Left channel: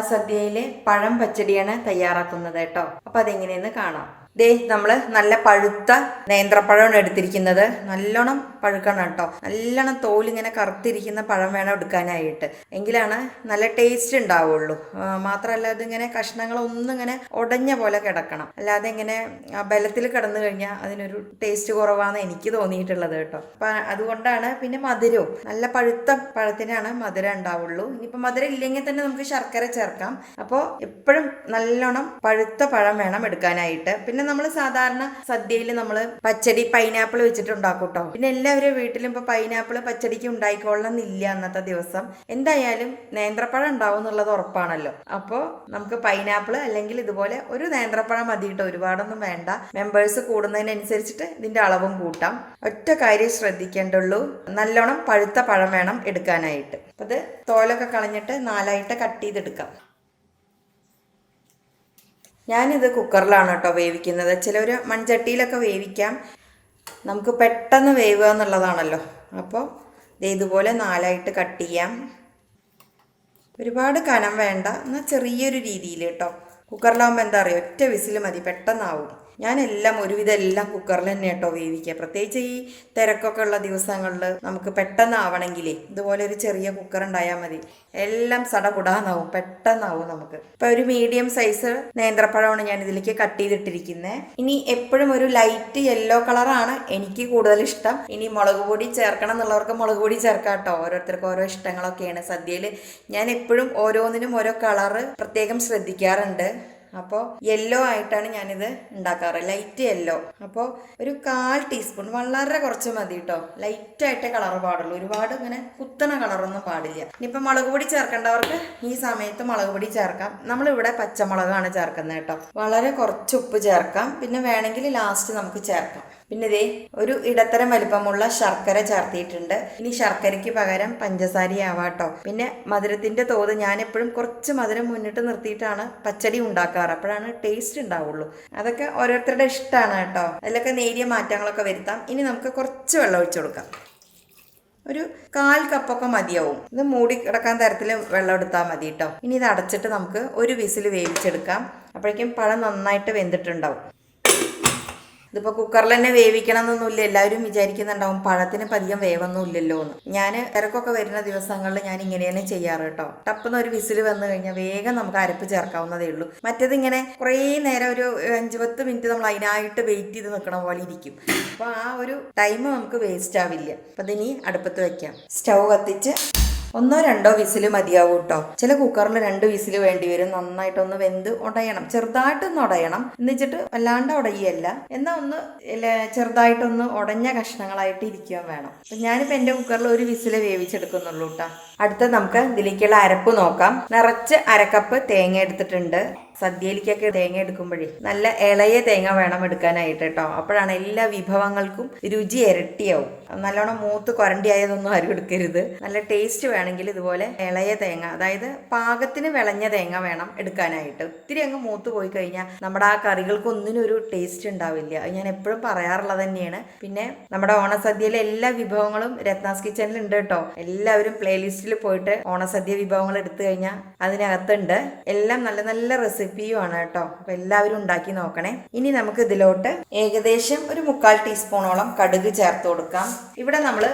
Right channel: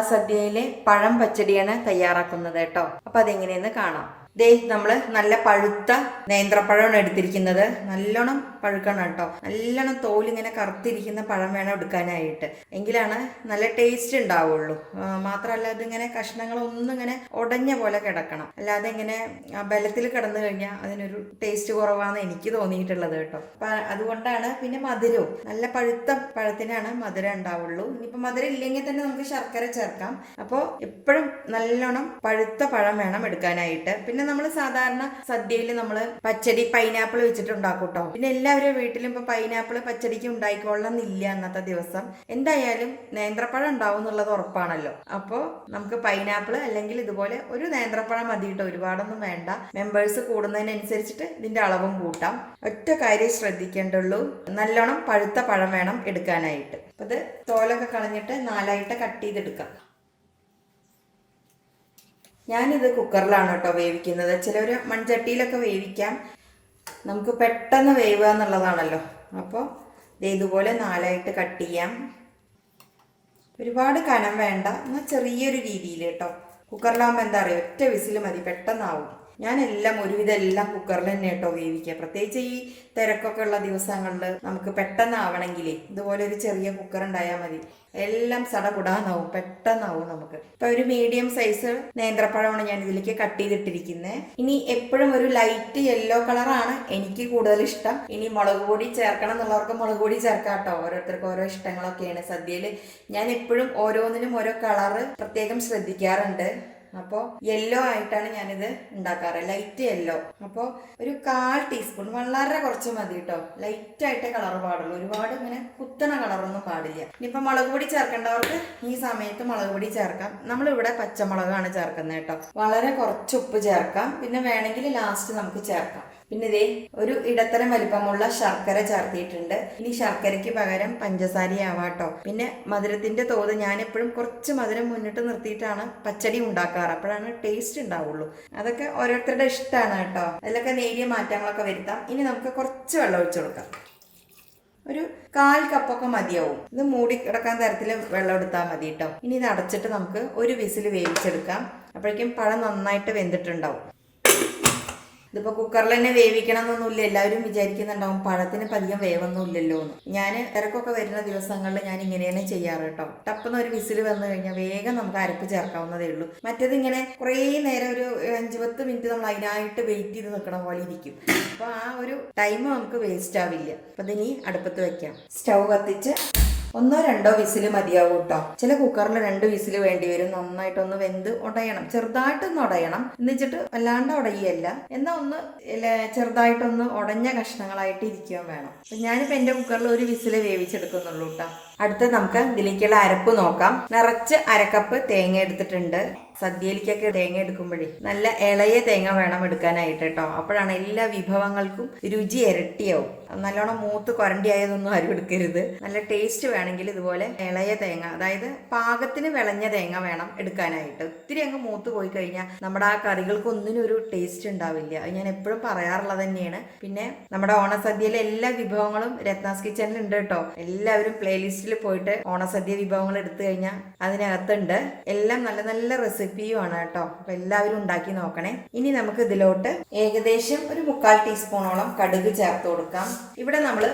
ഓണസദ്യയിലെ പഴം പച്ചടിയാണ് തയ്യാറാക്കുന്നത് കേട്ടോ. അപ്പൊ അതെങ്ങനെയെന്ന് കാണാം. ദേ നമ്മൾ നല്ല പഴുത്ത നേന്ത്രപ്പഴമാണ് എടുത്തിരിക്കുന്നത്. നല്ലോണം പഴുക്കണം കേട്ടോ നല്ലോണം തോലിങ്ങനെ കറുത്തിരിക്കുന്ന പഴം വേണം എടുക്കാനായിട്ട്. എങ്കിലാണ് നല്ല ടേസ്റ്റ് ഉണ്ടാവുള്ളൂ. മാത്രമല്ല അതിങ്ങനെ കഷ്ണങ്ങൾ ഒന്നും ഇങ്ങനെ ഉടഞ്ഞ പോലെ കിടക്കണം. അല്ലാതെ ഇങ്ങനെ ബലത്തിൽ കിടന്നു കഴിഞ്ഞാൽ അതിനൊരു ടേസ്റ്റ് കുറവാണ് എനിക്ക് തോന്നിയിട്ടുള്ളത് കേട്ടോ. അപ്പൊ അതുകൊണ്ടാണ് പിന്നെ മധുരവും. നല്ല പഴുത്ത പഴത്തിനാണ് മധുരം ഉണ്ടാവുള്ളൂ. ഇനിയിപ്പോൾ മധുരം ഇല്ലെങ്കിൽ തന്നെ നമുക്ക് ശർക്കര ചേർക്കാം. അപ്പോൾ എപ്പോഴും നല്ലോണം പഴുത്ത പഴം വേണം എടുക്കാനായിട്ട്. പിന്നെ നമ്മൾ സാധാരണ സദ്യയിൽ നമ്മൾ പച്ചടി പൈനാപ്പിൾ വെച്ചിട്ട് ഉണ്ടാക്കും കേട്ടോ. പിന്നെ എല്ലാവരും വീട്ടിലും ഇപ്പോൾ പൈനാപ്പിൾ പച്ചടിക്ക് ഉണ്ടായിക്കൊള്ളണമെന്നില്ല അന്നത്തെ ദിവസം. എന്തായാലും നേന്ത്രപ്പഴം ഉണ്ടാവും എന്നുള്ളത് ഉറപ്പാണല്ലോ. അപ്പോൾ നമുക്ക് പൈനാപ്പിൾ അല്ലെങ്കിൽ ഇതുപോലെ ഒരു നേന്ത്രപ്പഴം മതി കേട്ടോ ഒരുപാടൊന്നും വേണ്ട. മെമ്പേഴ്സ് കൂടുന്നതിനനുസരിച്ചിട്ട് ഇതിന്റെ അളവും കൂട്ടാം. ഒറ്റ കാര്യം ശ്രദ്ധിക്കേണ്ടുള്ളൂ നല്ലോണം പഴുത്ത പഴം വേണം എടുക്കാനായിട്ട്. അപ്പൊ ഇത് തോലൊക്കെ കളഞ്ഞിട്ട് നാലായിട്ട് കട്ട് ചെയ്തെടുക്കാം. ഞാനിത് കുക്കറിലാണ് കേട്ടോ വേവിക്കുന്നത്. ചിലർ മൺചട്ടിയിലൊക്കെ വേവിക്കാം. നമുക്ക് പെട്ടെന്ന് വേവുക എന്നുള്ളതാണല്ലോ. അപ്പോൾ ഇതുപോലെ നാലായിട്ട് കട്ട് ചെയ്യാം. ഒരുപാട് കനം വേണ്ട. എന്നാൽ ചെറിയൊരു രീതിയിൽ കേട്ടോ. കുക്കറിലാകുമ്പോൾ എന്താ പറയുക ഒറ്റ വിസിൽ മതി. പെട്ടെന്നാവും. ഞാൻ എല്ലാം ഒരുവിധം എല്ലാം കുക്കറിൽ തന്നെ കേട്ടോ വേവിക്കുക പ്രത്യേകിച്ച് ഈ തിരക്കൊക്കെ ഉള്ള ദിവസങ്ങളിൽ നമുക്ക് പെട്ടെന്നാവണമെങ്കിലേ ഇതുപോലെ ഒരു ചെറിയ കുക്കർ ഉണ്ടായാൽ മതി. എല്ലാം സടകുടാന്നാവും പെട്ടെന്നാവും നമുക്ക്. ഇപ്പൊ ഒരു മീഡിയം സൈസ് നേന്ത്രപ്പഴമാണ് ഞാൻ ഇതിലേക്ക് കട്ട് ചെയ്തിട്ടിരിക്കുന്നത് ഇനി എപ്പോഴും ഒരു ലൈറ്റ് യെല്ലോ കളറാണ് എനിക്ക് കൂടുതൽ ഇഷ്ടം. ഇനി മുളക് പൊടി ചേർക്കണം എന്നുള്ളവർക്ക് മുളക് പൊടി ചേർക്കാം കേട്ടോ ഓരോരുത്തർക്ക് ഓരോ ഇഷ്ടങ്ങളൊക്കെയാണ്. സദ്യയിൽ ഞാൻ എപ്പോഴും ഓരോന്നിനും ഓരോ കളറ് പ്രത്യേകം ശ്രദ്ധിക്കാറുണ്ട്. അപ്പോൾ യെല്ലോ ആയിട്ടാണ് ഞാനിത് ഉണ്ടാക്കാറ്. ലൈറ്റ് യെല്ലോ അപ്പോൾ ഒരു കാൽ ടീസ്പൂൺ വളരെ കുറച്ച് മതി കേട്ടോ ലൈറ്റ് ആയിട്ട് കളർ പാടുള്ളൂ. ഒരുപാട് ഇങ്ങനെ കുത്തണ കളറൊന്നും പാടില്ല. ഇനിയിപ്പോൾ മുളക് പൊടി ചേർക്കേണ്ടവർക്ക് ഈ സമയത്ത് മുളക് പൊടി ചേർക്കാം. നമ്മളിവിടെ പച്ചമുളകാണ് ചേർക്കുന്നത് കേട്ടോ വളരെ കുറച്ച് ഉപ്പ് ചേർക്കാം. പിന്നെ വേണമെങ്കിൽ ലാസ്റ്റ് നമുക്ക് ചേർക്കാം. പിന്നെ ഇതേ ഒരു ഇടത്തരം വലിപ്പമുള്ള ശർക്കര ചേർത്തിയിട്ടുണ്ട്. ഇനി ശർക്കരയ്ക്ക് പകരം പഞ്ചസാരയാവാട്ടോ പിന്നെ മധുരത്തിന്റെ തോത് ഞാൻ എപ്പോഴും കുറച്ച് മധുരം മുന്നിട്ട് നിർത്തിയിട്ടാണ് പച്ചടി ഉണ്ടാക്കാറ്. അപ്പോഴാണ് ടേസ്റ്റ് ഉണ്ടാവുള്ളൂ. അതൊക്കെ ഓരോരുത്തരുടെ ഇഷ്ടമാണ് കേട്ടോ. അതിലൊക്കെ നേരിയ മാറ്റങ്ങളൊക്കെ വരുത്താം. ഇനി നമുക്ക് കുറച്ച് വെള്ളം ഒഴിച്ചു കൊടുക്കാം. ഒരു കാൽ കപ്പൊക്കെ മതിയാവും. ഇത് മൂടി കിടക്കാൻ തരത്തിൽ വെള്ളം എടുത്താൽ മതി കേട്ടോ. ഇനി ഇത് അടച്ചിട്ട് നമുക്ക് ഒരു വിസിൽ വേവിച്ചെടുക്കാം. അപ്പോഴേക്കും പഴം നന്നായിട്ട് വെന്തിട്ടുണ്ടാവും. ഇതിപ്പോൾ കുക്കറിൽ തന്നെ വേവിക്കണം എന്നൊന്നുമില്ല. എല്ലാവരും വിചാരിക്കുന്നുണ്ടാവും പഴത്തിന് പതികം വേവൊന്നുമില്ലല്ലോ എന്ന്. ഞാൻ തിരക്കൊക്കെ വരുന്ന ദിവസങ്ങളിൽ ഞാൻ ഇങ്ങനെ തന്നെ ചെയ്യാറ് കേട്ടോ. ടപ്പെന്ന് ഒരു വിസിൽ വന്നു കഴിഞ്ഞാൽ വേഗം നമുക്ക് അരപ്പ് ചേർക്കാവുന്നതേ ഉള്ളൂ. മറ്റേത് ഇങ്ങനെ കുറേ നേരം ഒരു അഞ്ച് പത്ത് മിനിറ്റ് നമ്മൾ അതിനായിട്ട് വെയിറ്റ് ചെയ്ത് നിൽക്കണ പോലെ ഇരിക്കും. അപ്പോൾ ആ ഒരു ടൈം നമുക്ക് വേസ്റ്റ് ആവില്ല. അപ്പം ഇതിനി അടുപ്പത്ത് വയ്ക്കാം സ്റ്റൗ കത്തിച്ച് ഒന്നോ രണ്ടോ വിസിൽ മതിയാവും കേട്ടോ ചില കുക്കറിൽ രണ്ട് വിസിൽ വേണ്ടി വരും. നന്നായിട്ടൊന്ന് വെന്ത് ഉടയണം ചെറുതായിട്ടൊന്ന് ഉടയണം എന്നിട്ട് വല്ലാണ്ട് ഉടയല്ല എന്നാ ഒന്ന് ചെറുതായിട്ടൊന്ന് ഉടഞ്ഞ കഷ്ണങ്ങളായിട്ട് ഇരിക്കാൻ വേണം. അപ്പൊ ഞാനിപ്പോൾ എന്റെ കുക്കറിൽ ഒരു വിസിൽ വേവിച്ചെടുക്കുന്നുള്ളൂ കേട്ടോ അടുത്ത നമുക്ക് ഇതിലേക്കുള്ള അരപ്പ് നോക്കാം. നിറച്ച് അരക്കപ്പ് തേങ്ങ എടുത്തിട്ടുണ്ട്. സദ്യയിലേക്കൊക്കെ തേങ്ങ എടുക്കുമ്പോഴേ നല്ല ഇളയ തേങ്ങ വേണം എടുക്കാനായിട്ട് കേട്ടോ. അപ്പോഴാണ് എല്ലാ വിഭവങ്ങൾക്കും രുചി ഇരട്ടിയാവും. നല്ലോണം മൂത്ത് കൊരണ്ടി ആയതൊന്നും ആരും എടുക്കരുത്. നല്ല ടേസ്റ്റ് വേണമെങ്കിൽ ഇതുപോലെ ഇളയ തേങ്ങ അതായത് പാകത്തിന് വിളഞ്ഞ തേങ്ങ വേണം എടുക്കാനായിട്ട്. ഒത്തിരി അങ്ങ് മൂത്ത് പോയി കഴിഞ്ഞാൽ നമ്മുടെ ആ കറികൾക്ക് ഒന്നിനും ഒരു ടേസ്റ്റ് ഉണ്ടാവില്ല. ഞാൻ എപ്പോഴും പറയാറുള്ളത് തന്നെയാണ്. പിന്നെ നമ്മുടെ ഓണസദ്യയിലെ എല്ലാ വിഭവങ്ങളും രത്നാസ് കിച്ചണിൽ ഉണ്ട് കേട്ടോ. എല്ലാവരും പ്ലേലിസ്റ്റിൽ പോയിട്ട് ഓണസദ്യ വിഭവങ്ങൾ എടുത്തു കഴിഞ്ഞാൽ അതിനകത്തുണ്ട്. എല്ലാം നല്ല നല്ല റെസിപ്പിയുമാണ് കേട്ടോ. അപ്പൊ എല്ലാവരും ഉണ്ടാക്കി നോക്കണേ. ഇനി നമുക്ക് ഇതിലോട്ട് ഏകദേശം ഒരു മുക്കാൽ ടീസ്പൂണോളം കടുക് ചേർത്ത് കൊടുക്കാം. ഇവിടെ നമ്മൾ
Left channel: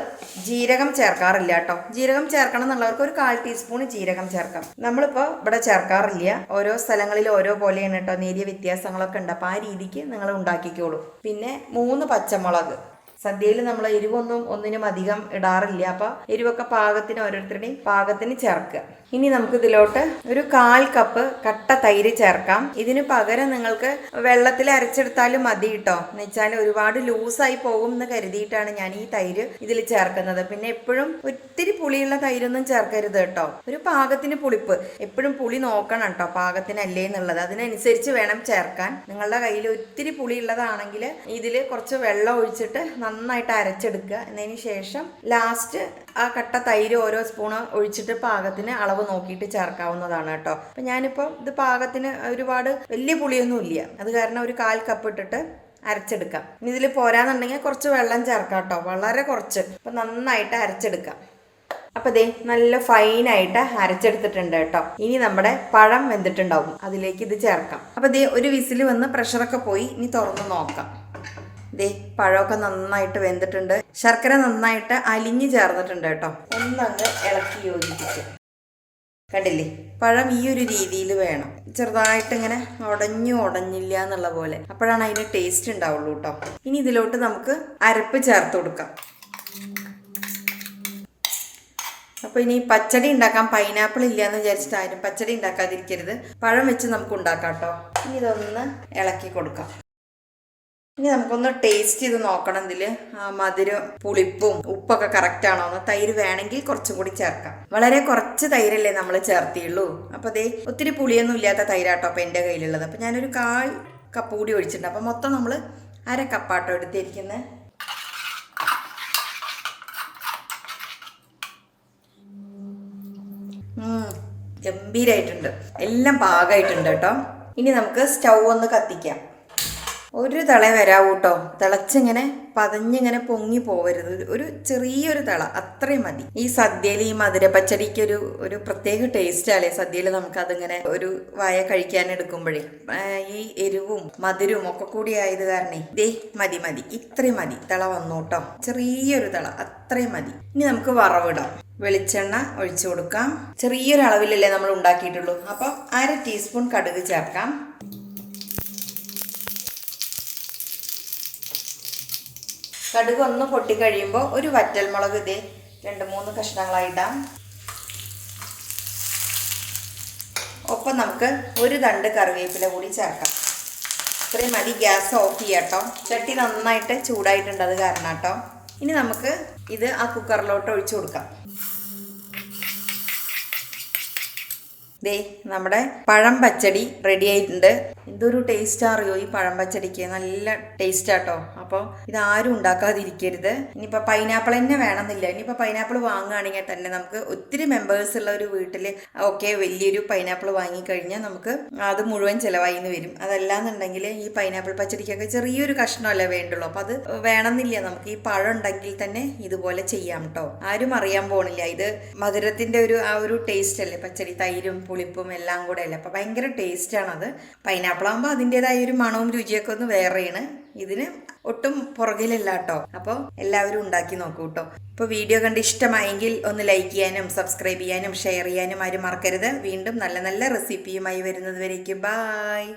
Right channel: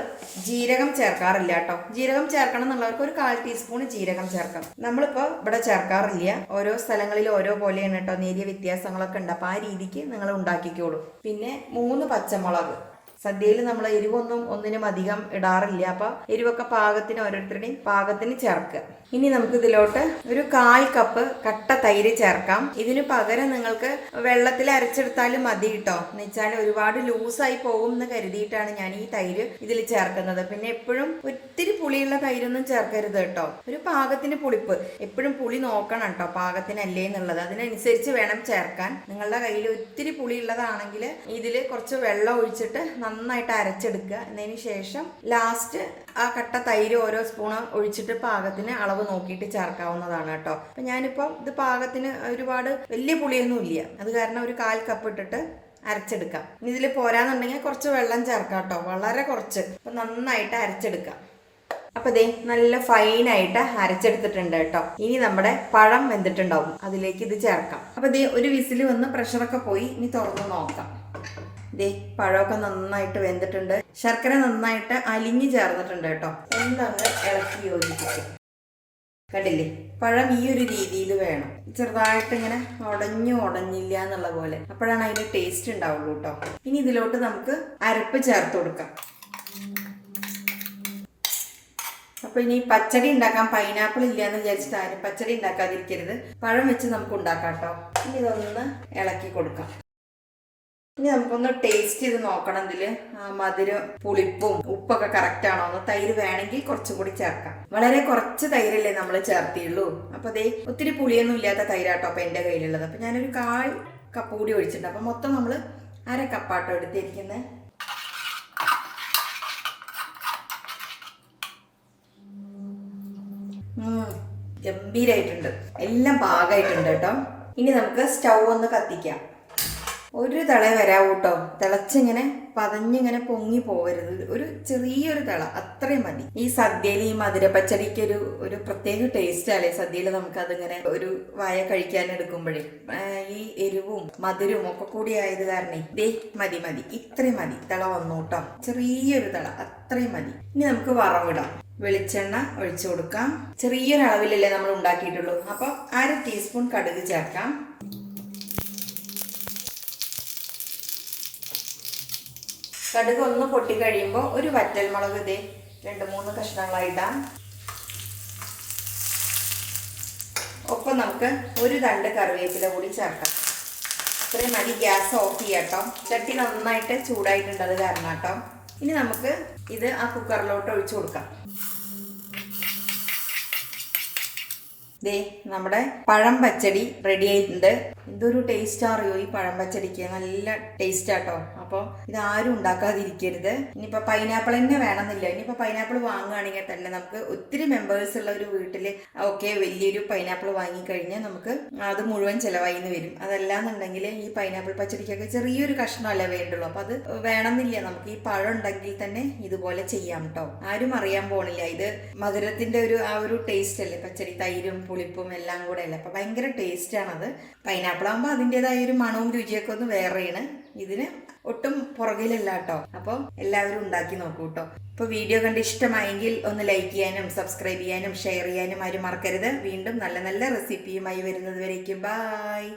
ജീരകം ചേർക്കാറില്ല കേട്ടോ. ജീരകം ചേർക്കണം എന്നുള്ളവർക്ക് ഒരു കാൽ ടീസ്പൂൺ ജീരകം ചേർക്കാം. നമ്മളിപ്പോൾ ഇവിടെ ചേർക്കാറില്ല. ഓരോ സ്ഥലങ്ങളിൽ ഓരോ പോലെയാണ് കേട്ടോ. നേരിയ വ്യത്യാസങ്ങളൊക്കെ ഉണ്ട്. അപ്പോൾ ആ രീതിക്ക് നിങ്ങൾ ഉണ്ടാക്കിക്കോളൂ. പിന്നെ മൂന്ന് പച്ചമുളക്. സദ്യയിൽ നമ്മൾ എരിവൊന്നും ഒന്നിനും അധികം ഇടാറില്ല. അപ്പോൾ എരിവൊക്കെ പാകത്തിന് ഓരോരുത്തരുടെയും പാകത്തിന് ചേർക്കുക. ഇനി നമുക്ക് ഇതിലോട്ട് ഒരു കാൽ കപ്പ് കട്ട തൈര് ചേർക്കാം. ഇതിന് പകരം നിങ്ങൾക്ക് വെള്ളത്തിൽ അരച്ചെടുത്താലും മതി കേട്ടോ എന്ന് വെച്ചാൽ ഒരുപാട് ലൂസായി പോകും എന്ന് കരുതിയിട്ടാണ് ഞാൻ ഈ തൈര് ഇതിൽ ചേർക്കുന്നത്. പിന്നെ എപ്പോഴും ഒത്തിരി പുളിയുള്ള തൈരൊന്നും ചേർക്കരുത് കേട്ടോ ഒരു പാകത്തിന് പുളിപ്പ്. എപ്പോഴും പുളി നോക്കണം കേട്ടോ പാകത്തിനല്ലേ എന്നുള്ളത്. അതിനനുസരിച്ച് വേണം ചേർക്കാൻ. നിങ്ങളുടെ കയ്യിൽ ഒത്തിരി പുളിയുള്ളതാണെങ്കിൽ ഇതിൽ കുറച്ച് വെള്ളം ഒഴിച്ചിട്ട് നന്നായിട്ട് അരച്ചെടുക്കുക. എന്നതിന് ശേഷം ലാസ്റ്റ് ആ കട്ട തൈര് ഓരോ സ്പൂണ് ഒഴിച്ചിട്ട് പാകത്തിന് അളവ് നോക്കിയിട്ട് ചേർക്കാവുന്നതാണ് കേട്ടോ. അപ്പം ഞാനിപ്പോൾ ഇത് പാകത്തിന് ഒരുപാട് വലിയ പുളിയൊന്നും ഇല്ല. അത് കാരണം ഒരു കാൽ കപ്പ് ഇട്ടിട്ട് അരച്ചെടുക്കാം. ഇതിൽ പോരാന്നുണ്ടെങ്കിൽ കുറച്ച് വെള്ളം ചേർക്കാം കേട്ടോ. വളരെ കുറച്ച്. അപ്പം നന്നായിട്ട് അരച്ചെടുക്കാം. അപ്പൊ ദേ നല്ല ഫൈനായിട്ട് അരച്ചെടുത്തിട്ടുണ്ട് കേട്ടോ. ഇനി നമ്മുടെ പഴം വെന്തിട്ടുണ്ടാവും. അതിലേക്ക് ഇത് ചേർക്കാം. അപ്പൊ ദേ ഒരു വിസിൽ വന്ന് പ്രഷറൊക്കെ പോയി. ഇനി തുറന്ന് നോക്കാം. ദേ പഴമൊക്കെ നന്നായിട്ട് വെന്തിട്ടുണ്ട്. ശർക്കര നന്നായിട്ട് അലിഞ്ഞു ചേർന്നിട്ടുണ്ട് കേട്ടോ. എന്തൊക്കെ ഇളക്കി യോജിപ്പിക്കും. കണ്ടില്ലേ? പഴം ഈ ഒരു രീതിയിൽ വേണം. ചെറുതായിട്ട് ഇങ്ങനെ ഉടഞ്ഞു ഉടഞ്ഞില്ല എന്നുള്ള പോലെ. അപ്പോഴാണ് അതിന് ടേസ്റ്റ് ഉണ്ടാവുള്ളൂ കേട്ടോ. ഇനി ഇതിലോട്ട് നമുക്ക് അരപ്പ് ചേർത്ത് കൊടുക്കാം. അപ്പൊ ഇനി പച്ചടി ഉണ്ടാക്കാം. പൈനാപ്പിൾ ഇല്ല എന്ന് വിചാരിച്ചിട്ട് ആരും പച്ചടി ഉണ്ടാക്കാതിരിക്കരുത്. പഴം വെച്ച് നമുക്ക് ഉണ്ടാക്കാം കേട്ടോ. ഇനി ഇതൊന്ന് ഇളക്കി കൊടുക്കാം. ഇനി നമുക്കൊന്ന് ടേസ്റ്റ് ചെയ്ത് നോക്കണം ഇതിൽ. ആ, മധുരം പുളിപ്പും ഉപ്പൊക്കെ കറക്റ്റ് ആണോ? എന്ന് തൈര് വേണമെങ്കിൽ കുറച്ചും കൂടി ചേർക്കാം. വളരെ കുറച്ച് തൈരല്ലേ നമ്മൾ ചേർത്തിയുള്ളൂ. അപ്പൊ അതേ ഒത്തിരി പുളിയൊന്നും ഇല്ലാത്ത തൈരാട്ടോ അപ്പൊ എന്റെ കയ്യിലുള്ളത്. അപ്പൊ ഞാനൊരു കാൽ കപ്പ് കൂടി ഒഴിച്ചിട്ടുണ്ട്. അപ്പൊ മൊത്തം നമ്മൾ അര കപ്പാട്ടോ എടുത്തിരിക്കുന്നത് ഗംഭീരായിട്ടുണ്ട്. എല്ലാം പാകമായിട്ടുണ്ട് കേട്ടോ. ഇനി നമുക്ക് സ്റ്റൗ ഒന്ന് കത്തിക്കാം. ഒരു തള വരാവൂ കേട്ടോ തിളച്ചിങ്ങനെ പതഞ്ഞിങ്ങനെ പൊങ്ങി പോകരുത് ഒരു ചെറിയൊരു തിള അത്രയും മതി. ഈ സദ്യയിൽ ഈ മധുര പച്ചടിക്ക് ഒരു ഒരു പ്രത്യേക ടേസ്റ്റ് അല്ലേ? സദ്യയിൽ നമുക്ക് അതിങ്ങനെ ഒരു വായ കഴിക്കാൻ എടുക്കുമ്പോഴേ. ഈ എരിവും മധുരവും ഒക്കെ കൂടി ആയത് കാരണേ. ദേ മതി മതി. ഇത്രയും മതി. തിള വന്നു കേട്ടോ ചെറിയൊരു തിള അത്രയും മതി. ഇനി നമുക്ക് വറവിടാം. വെളിച്ചെണ്ണ ഒഴിച്ചു കൊടുക്കാം. ചെറിയൊരു അളവിലല്ലേ നമ്മൾ ഉണ്ടാക്കിയിട്ടുള്ളൂ. അപ്പോൾ അര ടീസ്പൂൺ കടുക് ചേർക്കാം. കടുക് ഒന്ന് പൊട്ടിക്കഴിയുമ്പോൾ ഒരു വറ്റൽ മുളക് ഇതേ രണ്ട് മൂന്ന് കഷ്ണങ്ങളായിടാം. ഒപ്പം നമുക്ക് ഒരു തണ്ട് കറിവേപ്പില കൂടി ചേർക്കാം. ഇത്രയും മതി ഗ്യാസ് ഓഫ് ചെയ്യാട്ടോ ചട്ടി നന്നായിട്ട് ചൂടായിട്ടുണ്ട് അത് കാരണം കേട്ടോ. ഇനി നമുക്ക് ഇത് ആ കുക്കറിലോട്ട് ഒഴിച്ചു കൊടുക്കാം. ദേ നമ്മുടെ പഴം പച്ചടി റെഡി ആയിട്ടുണ്ട്. എന്തൊരു ടേസ്റ്റ് അറിയോ ഈ പഴം പച്ചടിക്ക്? നല്ല ടേസ്റ്റ് ആട്ടോ. അപ്പോൾ ഇത് ആരും ഉണ്ടാക്കാതിരിക്കരുത്. ഇനിയിപ്പോൾ പൈനാപ്പിൾ തന്നെ വേണമെന്നില്ല. ഇനിയിപ്പോൾ പൈനാപ്പിൾ വാങ്ങുകയാണെങ്കിൽ തന്നെ നമുക്ക് ഒത്തിരി മെമ്പേഴ്സ് ഉള്ള ഒരു വീട്ടിൽ ഓക്കെ വലിയൊരു പൈനാപ്പിൾ വാങ്ങിക്കഴിഞ്ഞാൽ നമുക്ക് അത് മുഴുവൻ ചിലവായി എന്ന് വരും. അതല്ലാന്നുണ്ടെങ്കിൽ ഈ പൈനാപ്പിൾ പച്ചടിക്കൊക്കെ ചെറിയൊരു കഷ്ണമല്ലേ വേണ്ടുള്ളൂ. അപ്പോൾ അത് വേണമെന്നില്ല. നമുക്ക് ഈ പഴം ഉണ്ടെങ്കിൽ തന്നെ ഇതുപോലെ ചെയ്യാം കേട്ടോ ആരും അറിയാൻ പോണില്ല. ഇത് മധുരത്തിന്റെ ഒരു ആ ഒരു ടേസ്റ്റ് അല്ലേ? പച്ചടി തൈരും പുളിപ്പും എല്ലാം കൂടെ അല്ലേ അപ്പൊ ഭയങ്കര ടേസ്റ്റ് ആണത്. പൈനാപ്പിൾ ആകുമ്പോൾ അതിന്റെതായ ഒരു മണവും രുചിയൊക്കെ ഒന്ന് വേറെയാണ്. ഇതിന് ഒട്ടും പുറകിലല്ല കേട്ടോ അപ്പോൾ എല്ലാവരും ഉണ്ടാക്കി നോക്കൂ കേട്ടോ ഇപ്പോൾ വീഡിയോ കണ്ട് ഇഷ്ടമായെങ്കിൽ ഒന്ന് ലൈക്ക് ചെയ്യാനും സബ്സ്ക്രൈബ് ചെയ്യാനും ഷെയർ ചെയ്യാനും ആരും മറക്കരുത്. വീണ്ടും നല്ല നല്ല റെസിപ്പിയുമായി വരുന്നത് വരേക്കും. ബായ്